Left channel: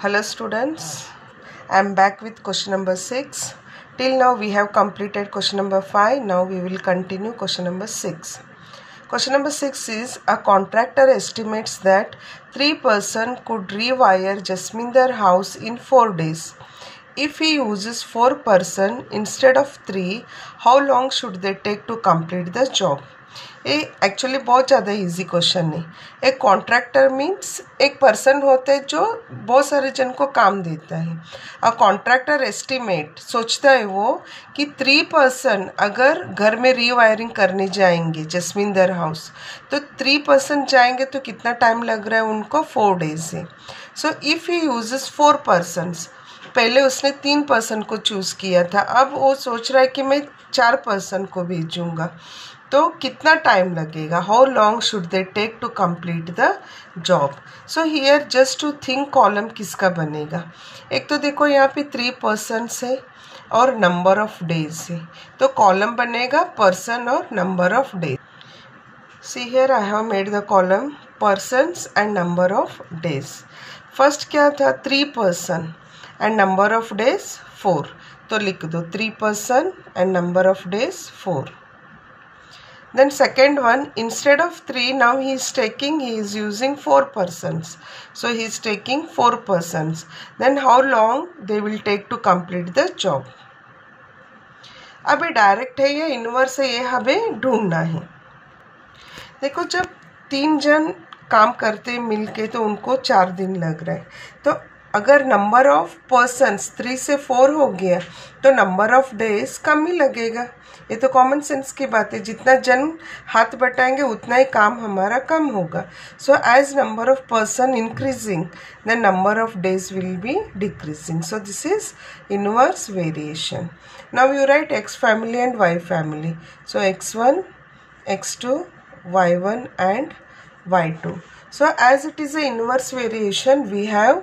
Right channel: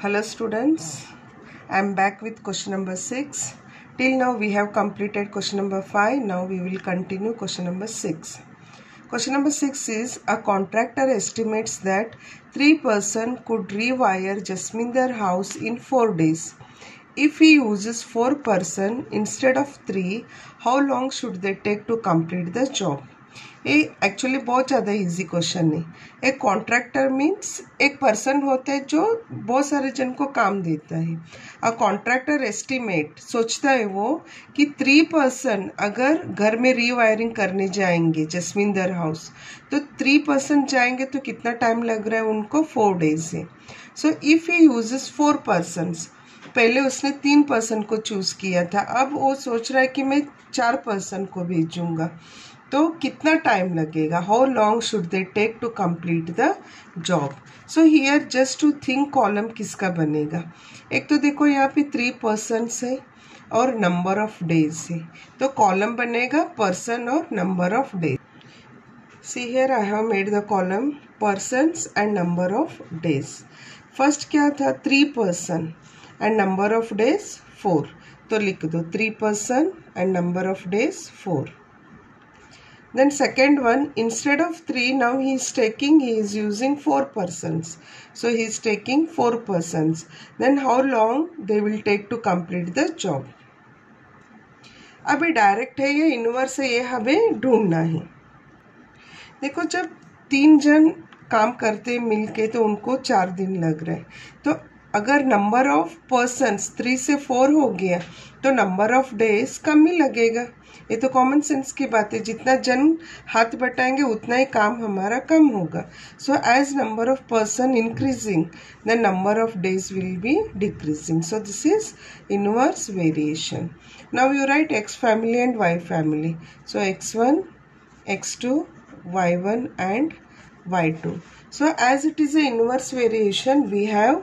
Hello students, I am back with question number 6. Till now we have completed question number 5. Now we will continue question number 6. Question number 6 is a contractor estimates that 3 persons could rewire Jasminder house in 4 days. If he uses 4 persons instead of 3, how long should they take to complete the job? ये actually बहुत ज़्यादा easy question है। एक contractor means एक person होता है जो बहुत सारे जन को काम देता है। अ कॉन्ट्रैक्टर एस्टिमेट सोचता है वो कि 3 पर्सन अगर घर में रीवायरिंग करने जाएंगे जसमिंदर हाउस, तो 3 पर्सन जाएंगे तो कितना टाइम लग रहा है उनको 4 डेज से। So if he uses 4 persons, पहले उसने 3 पर्सन को चूज़ किया था, अब वो सोच रहा है कि मैं 4 पर्सन को भेजूँगा, तो कितना टाइम लगेगा, how long should they take to complete the job. So here just to think column किसका बनेगा। एक तो देखो यहाँ पे 3 पर्सन्स है और नंबर ऑफ डेज है, तो कॉलम बनेगा पर्सन और number of days. See here I have made the column persons and number of days. First क्या था 3 person and number of days 4, तो लिख दो 3 person and number of days 4. Then second one, instead of 3, now he is using 4 persons. So he is taking 4 persons. Then how long they will take to complete the job. अब ये direct है या inverse है, ये हमें ढूंढना है। देखो जब 3 जन काम करते मिलके तो उनको 4 दिन लग रहा है, तो अगर नंबर ऑफ पर्सन्स 3 से 4 हो गया तो नंबर ऑफ डेज कम ही लगेगा। ये तो कॉमन सेंस की बात है, जितना जन हाथ बटाएंगे उतना ही काम हमारा कम होगा। So as number of person increasing the number of days will be decreasing. So this is inverse variation. Now you write X family and Y family. So x1, x2, y1 and y2. So as it is a inverse variation, we have,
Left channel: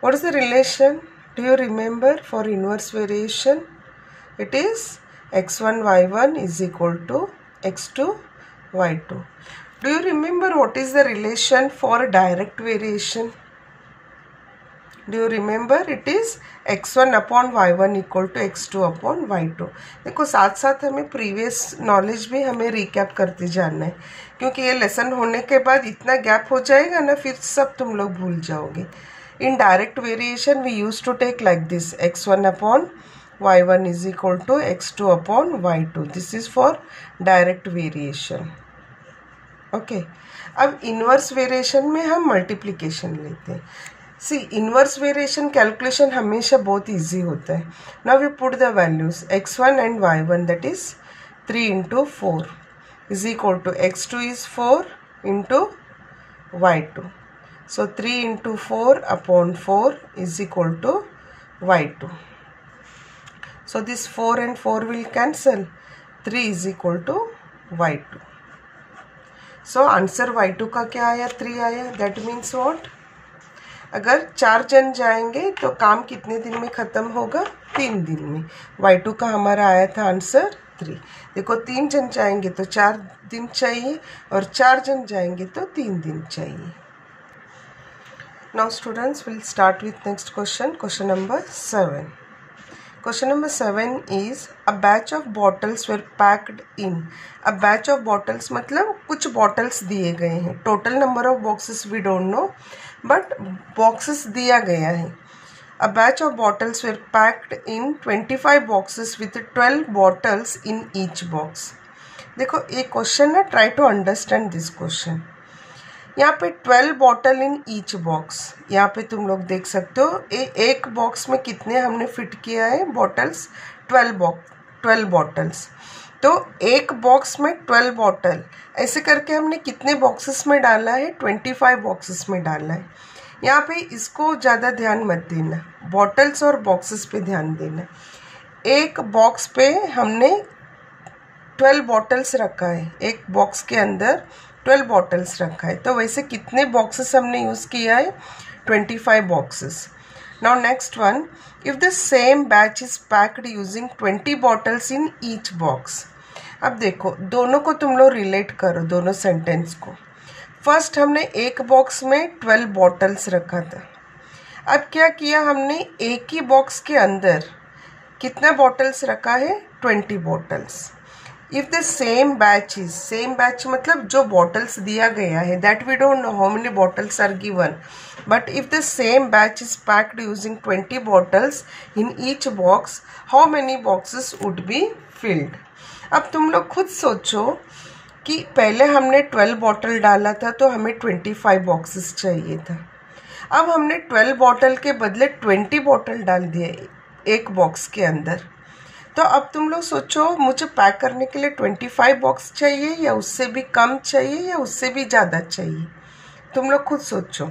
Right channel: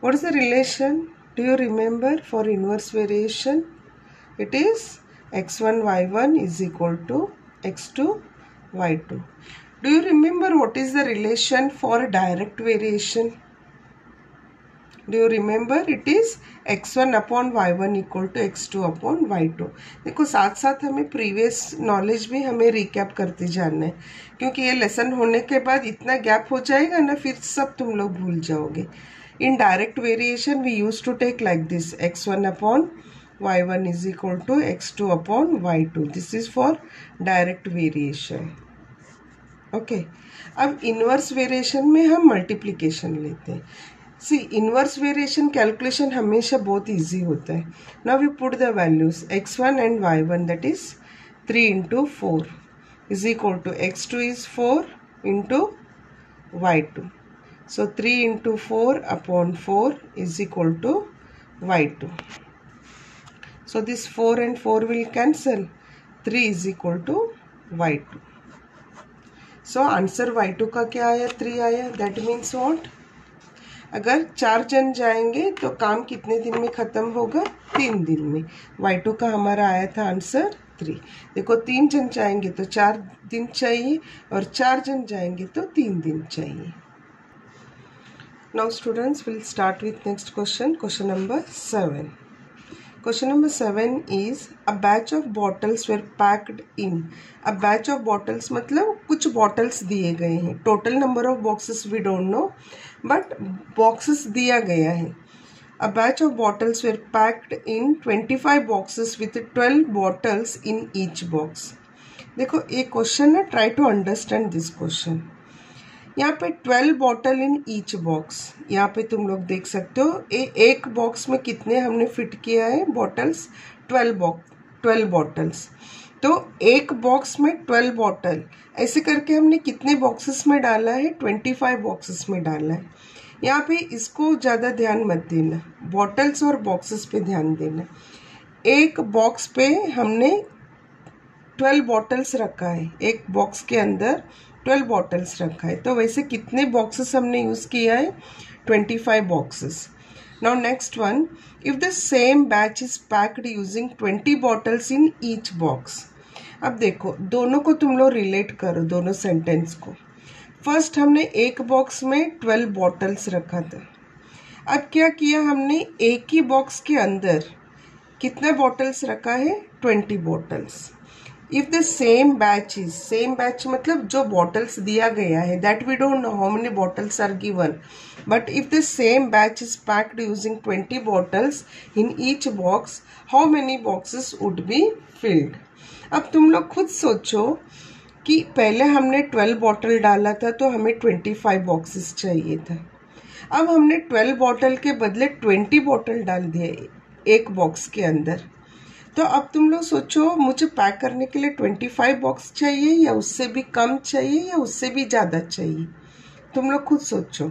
what is the relation? Do you remember for inverse variation? It is x1 y1 is equal to x2 y2. Do you remember what is the relation for direct variation? Do you remember? It is x1 upon y1 equal to x2 upon y2. देखो साथ साथ हमें previous knowledge भी हमें recap करते जाना है, क्योंकि ये लेसन होने के बाद इतना गैप हो जाएगा ना, फिर सब तुम लोग भूल जाओगे। In direct variation we used to take like this, x1 upon y1 is equal to x2 upon y2. This is for direct variation. Okay. अब inverse variation में हम multiplication लेते हैं। See, inverse variation calculation हमेशा बहुत easy होता है। Now we put the values x1 and y1, that is 3 into 4 is equal to x2 is 4 into y2. So 3 into 4 upon 4 is equal to y2. So this 4 and 4 will cancel. 3 is equal to y2. So answer y2 का क्या आया? 3 आया. That means what? अगर 4 जन जाएंगे तो काम कितने दिन में ख़त्म होगा? 3 दिन में. y2 का हमारा आया था आंसर 3. देखो 3 जन जाएंगे तो 4 दिन चाहिए और 4 जन जाएंगे तो 3 दिन चाहिए. Now students will start with next question. Question number 7. Question number 7 is a batch of bottles were packed in. A batch of bottles मतलब कुछ bottles दिए गए हैं. Total number of boxes we don't know, but boxes दिया गया है. A batch of bottles were packed in 25 boxes with 12 bottles in each box. देखो ये क्वेश्चन ना, try to understand this question. यहाँ पे 12 बॉटल इन ईच बॉक्स, यहाँ पे तुम लोग देख सकते हो एक बॉक्स में कितने हमने फिट किया है बॉटल्स, 12 बॉटल्स। तो एक बॉक्स में 12 बॉटल, ऐसे करके हमने कितने बॉक्सेस में डाला है? 25 बॉक्सेस में डाला है। यहाँ पे इसको ज़्यादा ध्यान मत देना, बॉटल्स और बॉक्सेस पे ध्यान देना। एक बॉक्स पे हमने 12 बॉटल्स रखा है, एक बॉक्स के अंदर 12 बॉटल्स रखा है, तो वैसे कितने बॉक्सेस हमने यूज़ किया है? 25 boxes. Now next one, if the same batch is packed using 20 bottles in each box. अब देखो दोनों को तुम लोग रिलेट करो, दोनों सेंटेंस को। फर्स्ट हमने एक बॉक्स में 12 बॉटल्स रखा था, अब क्या किया हमने, एक ही बॉक्स के अंदर कितना बॉटल्स रखा है, 20 bottles. If the same batch is, same batch मतलब जो बॉटल्स दिया गया है, that we don't know how many bottles are given, but if the same batch is packed using 20 bottles in each box, how many boxes would be filled. अब तुम लोग खुद सोचो कि पहले हमने 12 बॉटल डाला था तो हमें 25 बॉक्सेस चाहिए था. अब हमने 12 बॉटल के बदले 20 बॉटल डाल दिए एक बॉक्स के अंदर. तो अब तुम लोग सोचो, मुझे पैक करने के लिए 25 बॉक्स चाहिए या उससे भी कम चाहिए या उससे भी ज़्यादा चाहिए. तुम लोग खुद सोचो.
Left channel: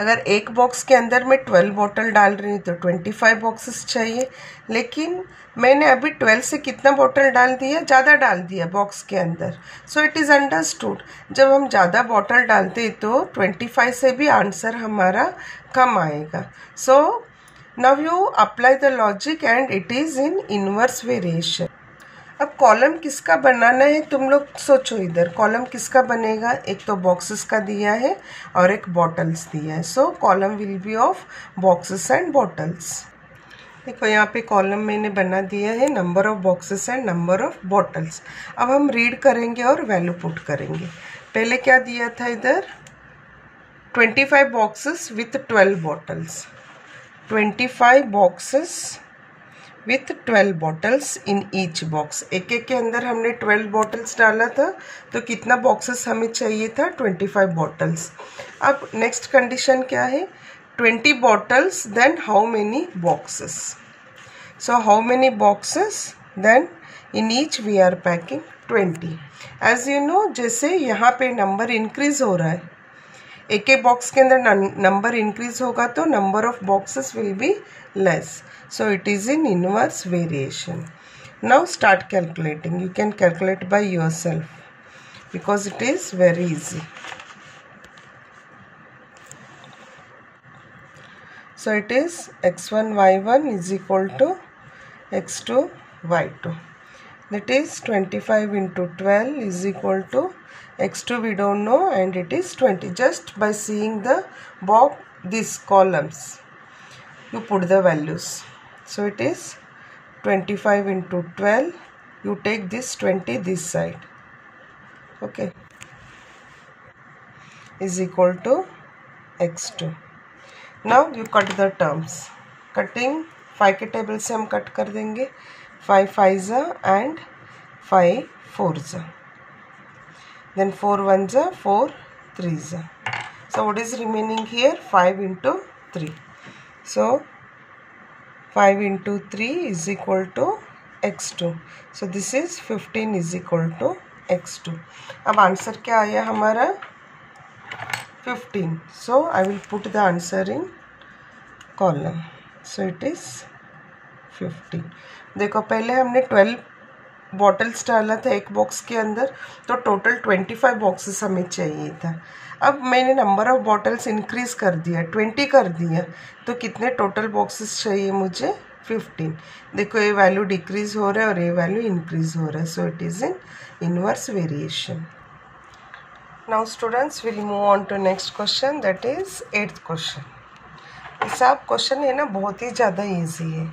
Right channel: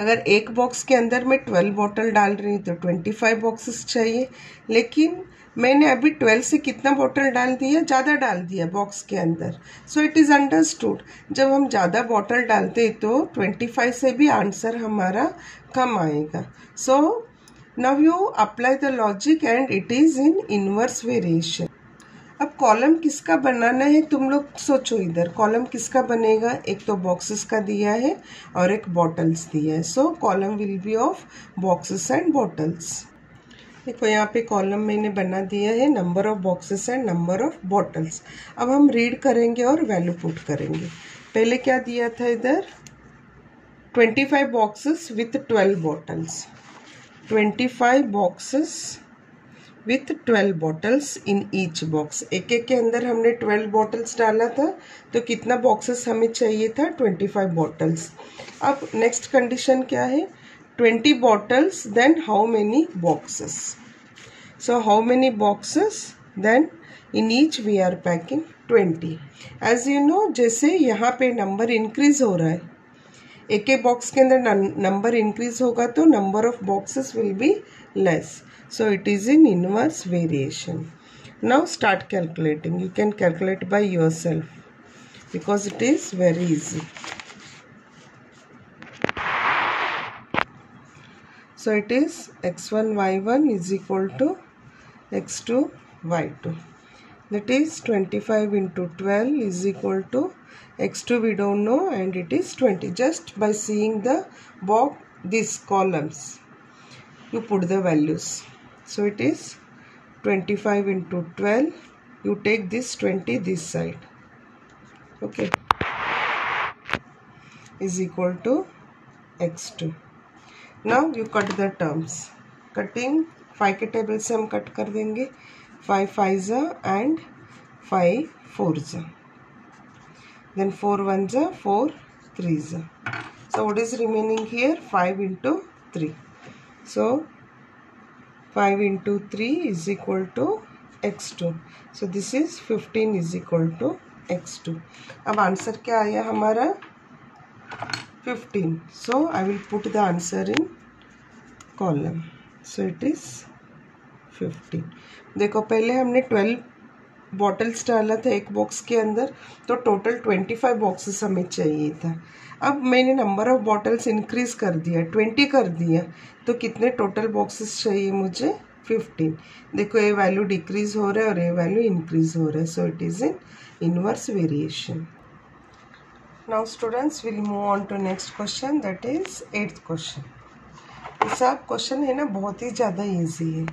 अगर एक बॉक्स के अंदर मैं 12 बॉटल डाल रही हूँ तो 25 बॉक्सेस चाहिए, लेकिन मैंने अभी 12 से कितना बॉटल डाल दिया, ज़्यादा डाल दिया बॉक्स के अंदर. सो इट इज़ अंडरस्टूड, जब हम ज़्यादा बॉटल डालते तो 25 से भी आंसर हमारा कम आएगा. So now you apply the logic and it is in inverse variation. अब कॉलम किसका बनाना है, तुम लोग सोचो. इधर कॉलम किसका बनेगा, एक तो बॉक्सेस का दिया है और एक बॉटल्स दिया है. सो column will be of boxes and bottles. देखो यहाँ पे कॉलम मैंने बना दिया है, number of boxes and number of bottles. अब हम रीड करेंगे और वैल्यू पुट करेंगे. पहले क्या दिया था इधर, 25 boxes with 12 bottles. 25 boxes with 12 bottles in each box. एक एक के अंदर हमने 12 बॉटल्स डाला था, तो कितना बॉक्सेस हमें चाहिए था, 25 बॉटल्स. अब नेक्स्ट कंडीशन क्या है, 20 bottles then how many boxes. So how many boxes, then in each we are packing 20. As you know, जैसे यहाँ पे नंबर इंक्रीज हो रहा है, एक एक बॉक्स के अंदर नंबर इंक्रीज होगा तो number of boxes will be less. So it is in inverse variation. Now start calculating. You can calculate by yourself because it is very easy. So it is x1 y1 is equal to x2 y2. That is 25 into 12 is equal to x2 we don't know and it is 20. Just by seeing the box, these columns, you put the values. So it is 25 into 12. You take this 20 this side. Okay. Is equal to x2. Now you cut the terms. Cutting 5 के table से हम cut कर देंगे. 5 5 and 5 4. Then 4 1 4 3. So what is remaining here? 5 into 3. So 5 into 3 is equal to x2. So this is 15 is equal to x2. अब answer क्या आया हमारा, 15. So I will put the answer in column. So it is 15. देखो पहले हमने 12 bottles डाला था एक बॉक्स के अंदर, तो टोटल 25 बॉक्सेस हमें चाहिए था. अब मैंने नंबर ऑफ बॉटल्स इंक्रीज कर दिया, 20 कर दिया, तो कितने टोटल बॉक्सेस चाहिए मुझे, 15. देखो ये वैल्यू डिक्रीज हो रहा है और ये वैल्यू इंक्रीज हो रहा है. So it is in inverse variation. Now students will move on to next question, that is 8th question. ये सब क्वेश्चन है ना बहुत ही ज़्यादा ईजी है.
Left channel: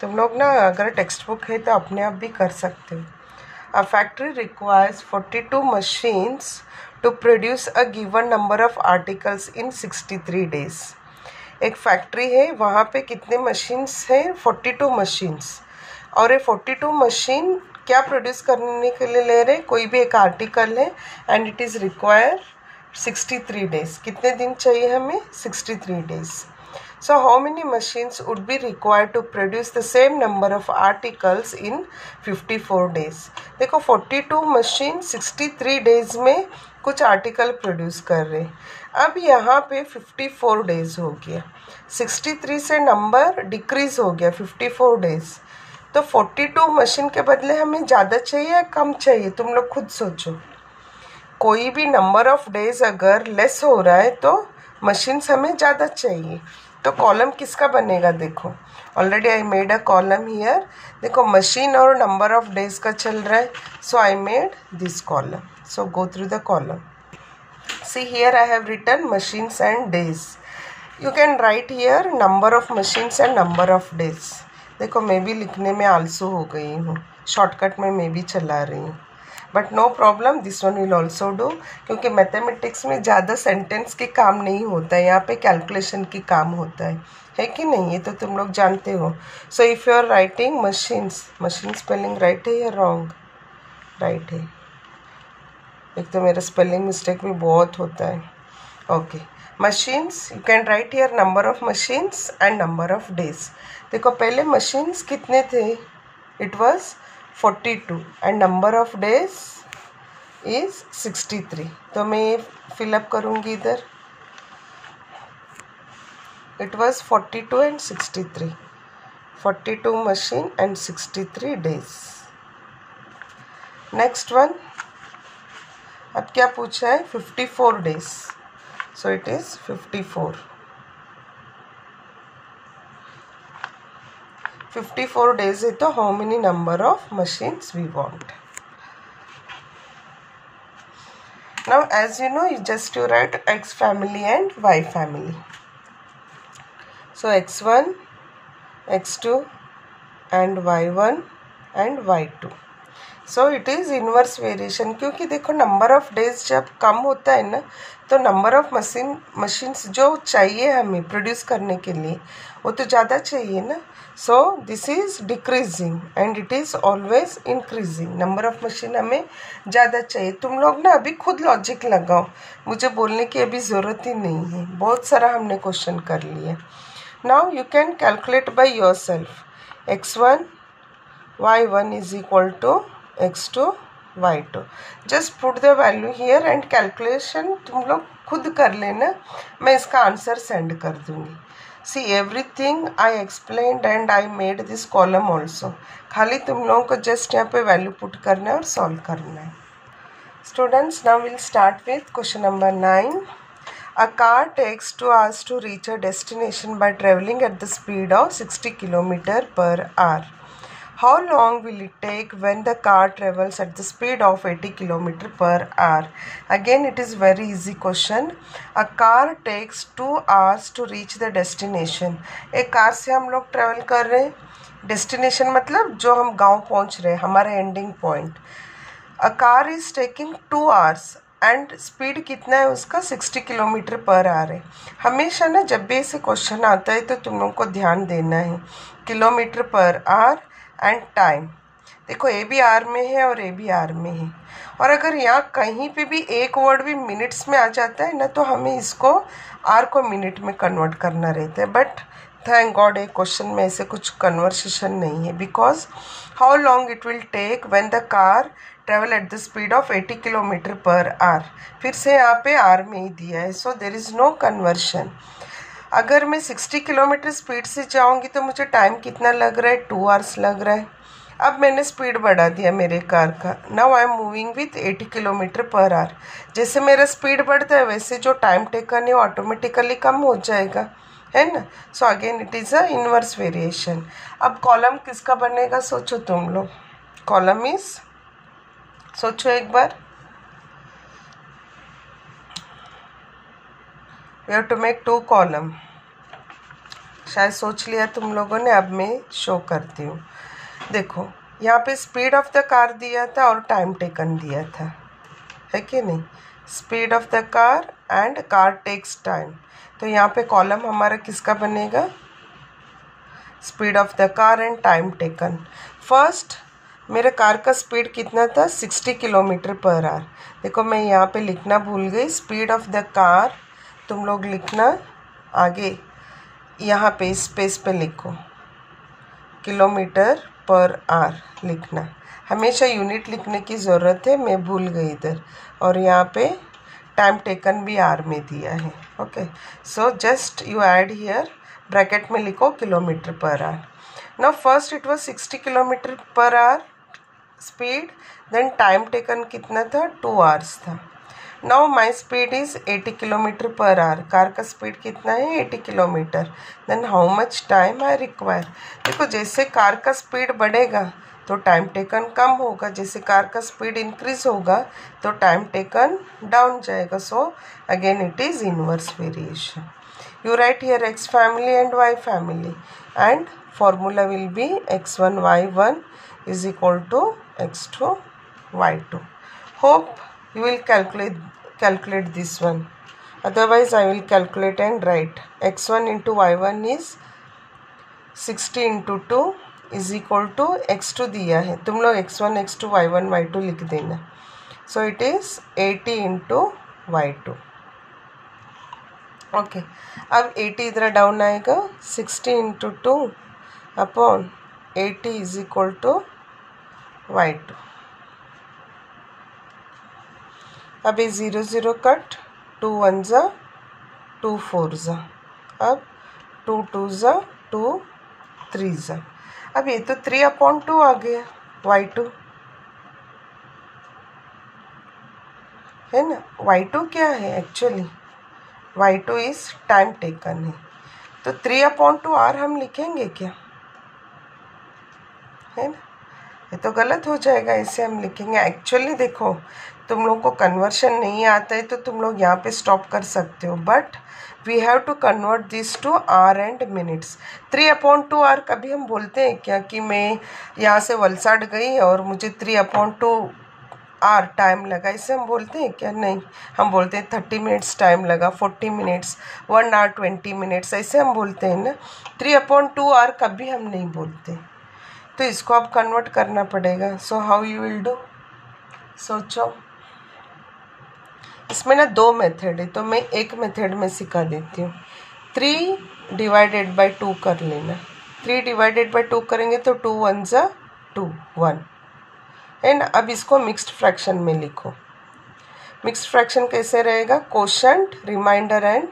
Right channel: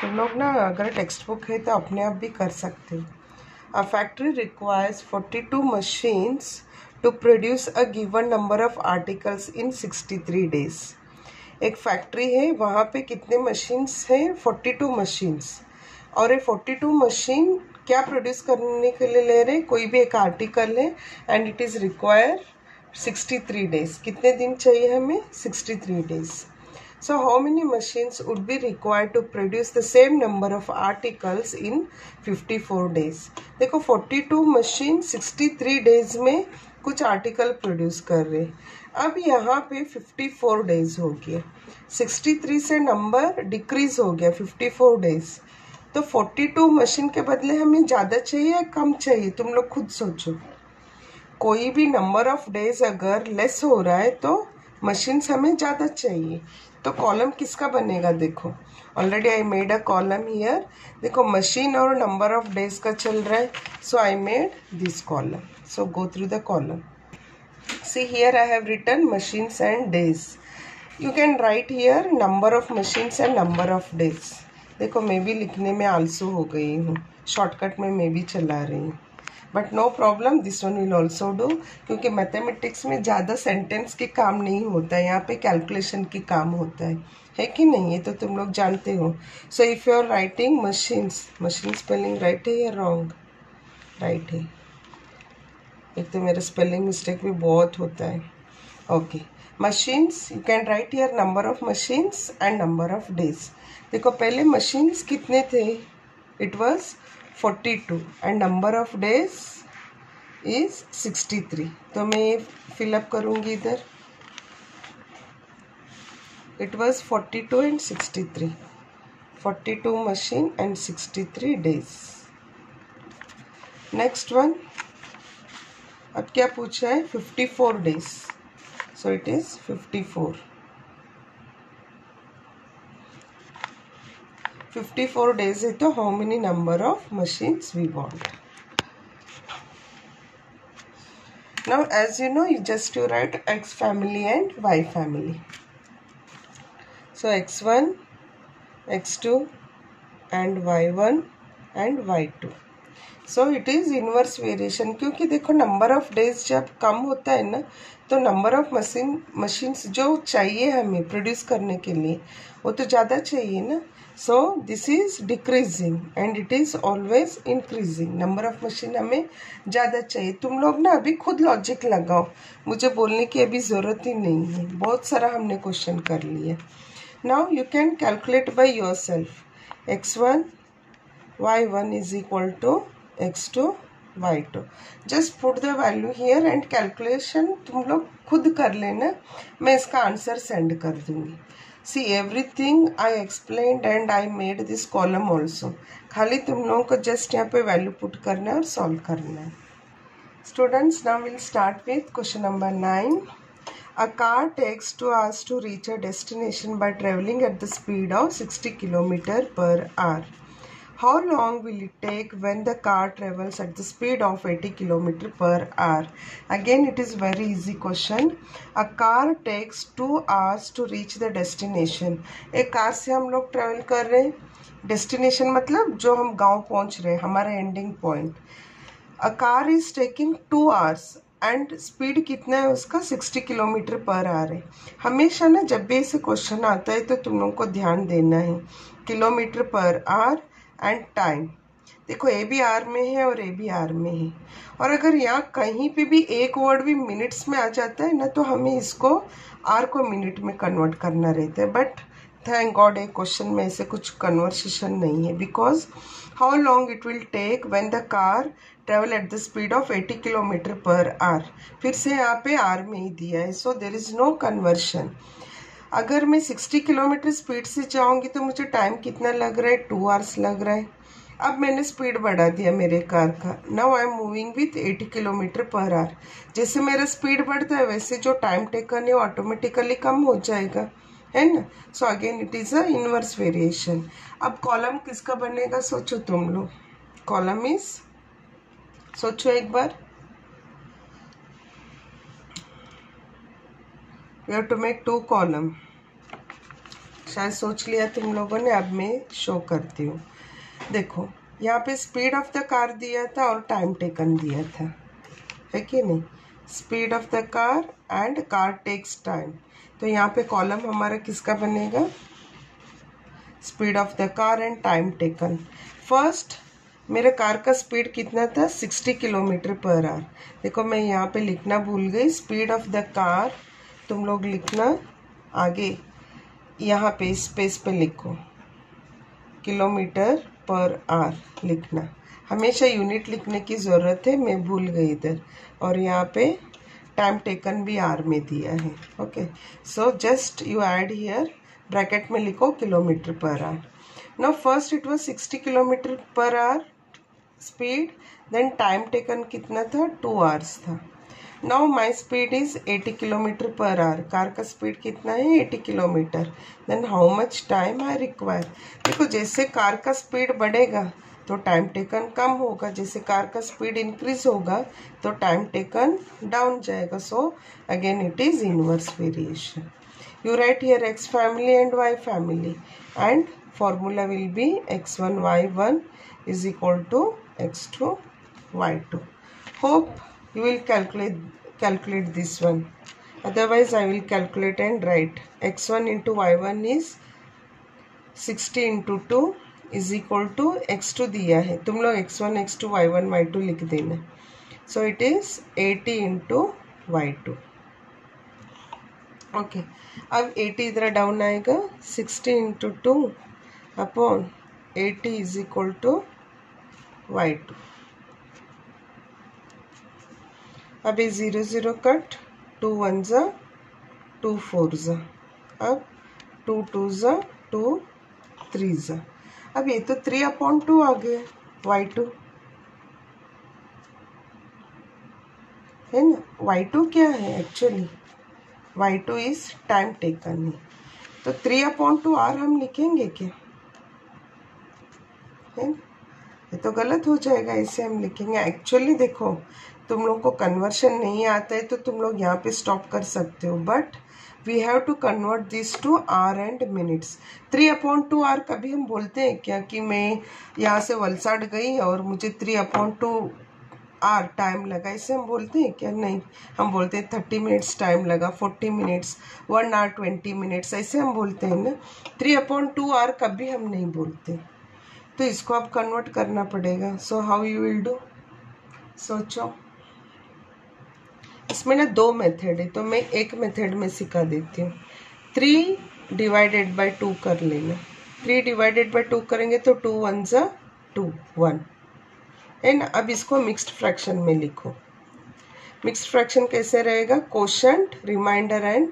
तुम लोग ना अगर टेक्स्ट बुक है तो अपने आप भी कर सकते हो. A factory requires 42 machines to produce a given number of articles in 63 days. एक फैक्ट्री है, वहाँ पे कितने मशीन्स हैं, 42 मशीन्स. और ये 42 मशीन क्या प्रोड्यूस करने के लिए ले रहे हैं, कोई भी एक आर्टिकल है and it is require 63 days. कितने दिन चाहिए हमें, 63 days. So how many machines would be required to produce the same number of articles in 54 days? देखो 42 मशीन 63 डेज में कुछ आर्टिकल प्रोड्यूस कर रहे. अब यहाँ पे 54 डेज हो गया, 63 से नंबर डिक्रीज हो गया 54 डेज. तो 42 मशीन के बदले हमें ज़्यादा चाहिए या कम चाहिए, तुम लोग खुद सोचो. कोई भी नंबर ऑफ डेज अगर लेस हो रहा है तो मशीन्स हमें ज़्यादा चाहिए. तो कॉलम किसका बनेगा, देखो already I made a column here. देखो मशीन और नंबर ऑफ डेज का चल रहा है, so I made this column. So go through the column. See here I have written machines and days. You can write here number of machines and number of days. देखो मैं भी लिखने में आलसू हो गई हूँ, शॉर्टकट में मैं भी चला रही हूँ, but no problem, this one will also do, क्योंकि मैथमेटिक्स में ज़्यादा सेंटेंस के काम नहीं होता है, यहाँ पे कैलकुलेशन की काम होता है कि नहीं, ये तो तुम लोग जानते हो। So if you are writing machines, machine spelling right है या रॉन्ग? राइट है। एक तो मेरा स्पेलिंग मिस्टेक भी बहुत होता है। Okay, machines, you can write here number of machines and number of days. देखो पहले मशीन्स कितने थे? It was 42 and number of days is 63। तो मैं फिलअप करूँगी इधर, it was 42 and 63, 42 machine and 63 days. Next one, अब क्या पूछा है? 54 days, so it is 54। 54 days है तो how many number of machines we want? Now as you know, you just to write X family and Y family. So X1, X2 and Y1 and Y2. So it is inverse variation, क्योंकि देखो number of days जब कम होता है ना, तो number of machines जो चाहिए हमें प्रोड्यूस करने के लिए वो तो ज़्यादा चाहिए ना। So this is decreasing and it is always increasing. Number of machine हमें ज़्यादा चाहिए। तुम लोग ना अभी खुद लॉजिक लगाओ, मुझे बोलने की अभी ज़रूरत ही नहीं है, बहुत सारा हमने क्वेश्चन कर लिया। Now you can calculate by yourself. X1 Y1 is equal to X2 Y2। Just put the value here and calculation तुम लोग खुद कर लेना, मैं इसका आंसर सेंड कर दूंगी। See everything I explained and I made this column also. खाली तुम लोगों को जस्ट यहाँ पे वैल्यू पुट करना है और सॉल्व करना है। Students, now will start with question number 9। A car takes 2 hours to reach a destination by traveling at the speed of 60 km per hour. How long will it take when the car travels at the speed of 80 km per hour? Again, it is very easy question. A car takes 2 hours to reach the destination. एक car से हम लोग travel कर रहे हैं, destination मतलब जो हम गांव पहुंच रहे हैं, हमारा ending point. A car is taking 2 hours and speed कितना है उसका? 60 km पर आवर है। हमेशा ना जब भी ऐसे क्वेश्चन आता है तो तुम लोगों को ध्यान देना है kilometre per our and time. देखो ए भी आर में है और ए भी आर में है, और अगर यहाँ कहीं पे भी एक वर्ड भी मिनट्स में आ जाता है ना, तो हमें इसको आर को मिनट में कन्वर्ट करना रहता है। बट थैंक गॉड एक क्वेश्चन में ऐसे कुछ कन्वर्सेशन नहीं है, because how long it will take when the car travel at the speed of 80 km per hour. फिर से यहाँ पे आर में ही दिया है, so there is no conversion. अगर मैं 60 km स्पीड से जाऊँगी तो मुझे टाइम कितना लग रहा है? 2 hours लग रहा है। अब मैंने स्पीड बढ़ा दिया मेरे कार का, now I am moving with 80 km per our. जैसे मेरा स्पीड बढ़ता है वैसे जो टाइम टेकन है वो ऑटोमेटिकली कम हो जाएगा, है ना। So again it is a inverse variation. अब कॉलम किसका बनेगा सोचो तुम लोग। कॉलम इज, सोचो एक बार, we have to make 2 column. शायद सोच लिया तुम लोगों ने, अब मैं शो करती हूँ। देखो यहाँ पे स्पीड ऑफ द कार दिया था और टाइम टेकन दिया था, है कि नहीं? Speed of the car and car takes time. तो यहाँ पे कॉलम हमारा किसका बनेगा? Speed of the car and time taken. First मेरे कार का स्पीड कितना था? 60 km पर आवर। देखो मैं यहाँ पे लिखना भूल गई, स्पीड ऑफ द कार तुम लोग लिखना आगे, यहाँ पे स्पेस पे लिखो किलोमीटर पर आवर लिखना। हमेशा यूनिट लिखने की ज़रूरत है, मैं भूल गई इधर। और यहाँ पे टाइम टेकन भी आर में दिया है। Okay, so just you add here, bracket में लिखो kilometre per hour. Now first it was 60 km per hour speed, then time taken कितना था? 2 hours था। Now my speed is 80 km per hour. Car का speed कितना है? 80 km। Then how much time I require. देखो जैसे car का speed बढ़ेगा तो टाइम टेकन कम होगा, जैसे कार का स्पीड इंक्रीज होगा तो टाइम टेकन डाउन जाएगा। सो again it is inverse variation. You write here x family and y family, and formula will be x1 y1 is equal to x2 y2. Hope you will calculate this one. Otherwise I will calculate and write x1 into y1 is 60 into 2 is equal to x2 दिया है, तुम लोग x1 x2 y1 y2 लिख देना. So it is 80 into y2. Okay अब 80 इधर down आएगा, 60 into 2 upon 80 is equal to y2. अब ये 0 0 कट, 2 1 जा 2 4 जा, अब 2 2 जा 2 3 जा. अब ये तो 3/2 आ गया y2 है ना. y2 क्या है actually, y2 is time taken है, तो 3/2 r हम लिखेंगे क्या, है ना. ये तो गलत हो जाएगा, इसे हम लिखेंगे. एक्चुअली देखो तुम लोग को कन्वर्शन नहीं आता है तो तुम लोग यहाँ पे स्टॉप कर सकते हो, but we have to convert this to hour and minutes. 3/2 hour कभी हम बोलते हैं क्या कि मैं यहाँ से वलसाड गई और मुझे 3/2 आर टाइम लगा, इसे हम बोलते हैं क्या, नहीं. हम बोलते हैं 30 मिनट्स टाइम लगा, 40 मिनट्स, 1 hour 20 मिनट्स, ऐसे हम बोलते हैं ना. 3/2 आर कभी हम नहीं बोलते, तो इसको आप कन्वर्ट करना पड़ेगा. So how you will do, सोचो. इसमें ना 2 मेथड है, तो मैं एक मेथड में सिखा देती हूँ. 3/2 कर लेना. 3/2 करेंगे तो 2 1 जा 2 1 है ना. अब इसको मिक्स्ड फ्रैक्शन में लिखो. मिक्स्ड फ्रैक्शन कैसे रहेगा, quotient, remainder and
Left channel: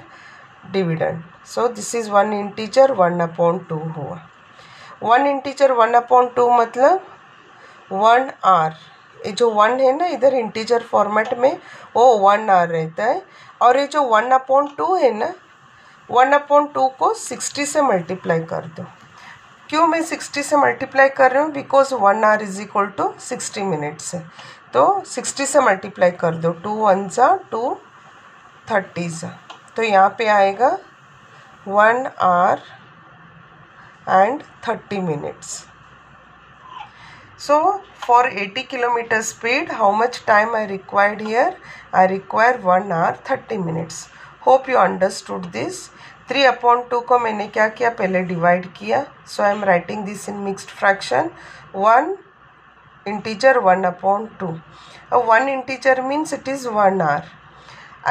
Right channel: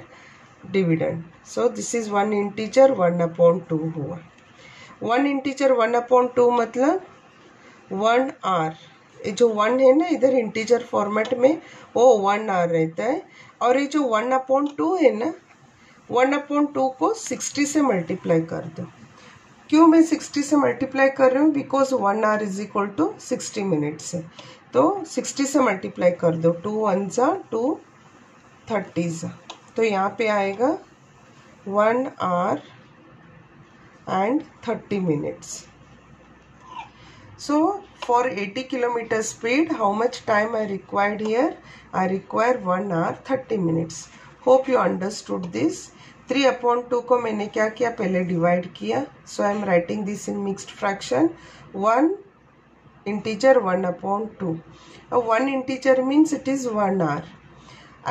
dividend. So this is 1 integer 1/2 हुआ. 1 इंटीजर 1/2 मतलब 1 आर. ये जो 1 है ना इधर इंटीजर फॉर्मेट में, वो 1 आर रहता है. और ये जो 1/2 है ना, 1/2 को 60 से मल्टीप्लाई कर दो. क्यों मैं 60 से मल्टीप्लाई कर रही हूँ, because 1 hour is equal to 60 minutes है, तो 60 से मल्टीप्लाई कर दो. 2 1 जा 2 30 जा, तो यहाँ पे आएगा 1 our and 30 minutes. So for 80 kilometer speed, how much time I required here? I require 1 hour 30 minutes. Hope you understood this. 3/2 को मैंने क्या किया, पहले डिवाइड किया. So I am writing this in mixed fraction. 1 integer 1/2. 1 integer means it is 1 hour.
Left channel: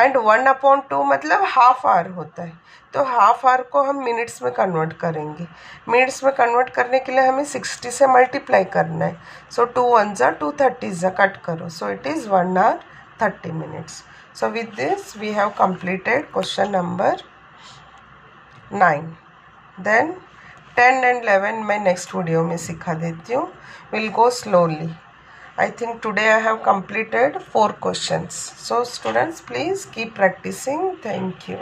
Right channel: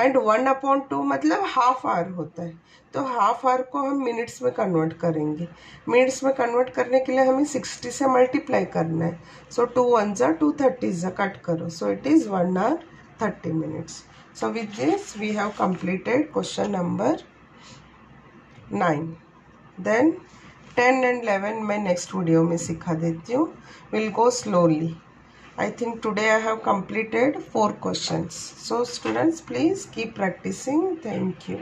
And 1/2 मतलब half hour होता है, तो हाफ आवर को हम मिनट्स में कन्वर्ट करेंगे. मिनट्स में कन्वर्ट करने के लिए हमें 60 से मल्टीप्लाई करना है. सो 2 1 जा 2 30 जा, कट करो. So it is 1 hour 30 minutes. So with this we have completed question number 9. देन 10 and 11 मैं नेक्स्ट वीडियो में सिखा देती हूँ. Will go slowly. I think today I have completed 4 questions. So students, please keep practicing. Thank you.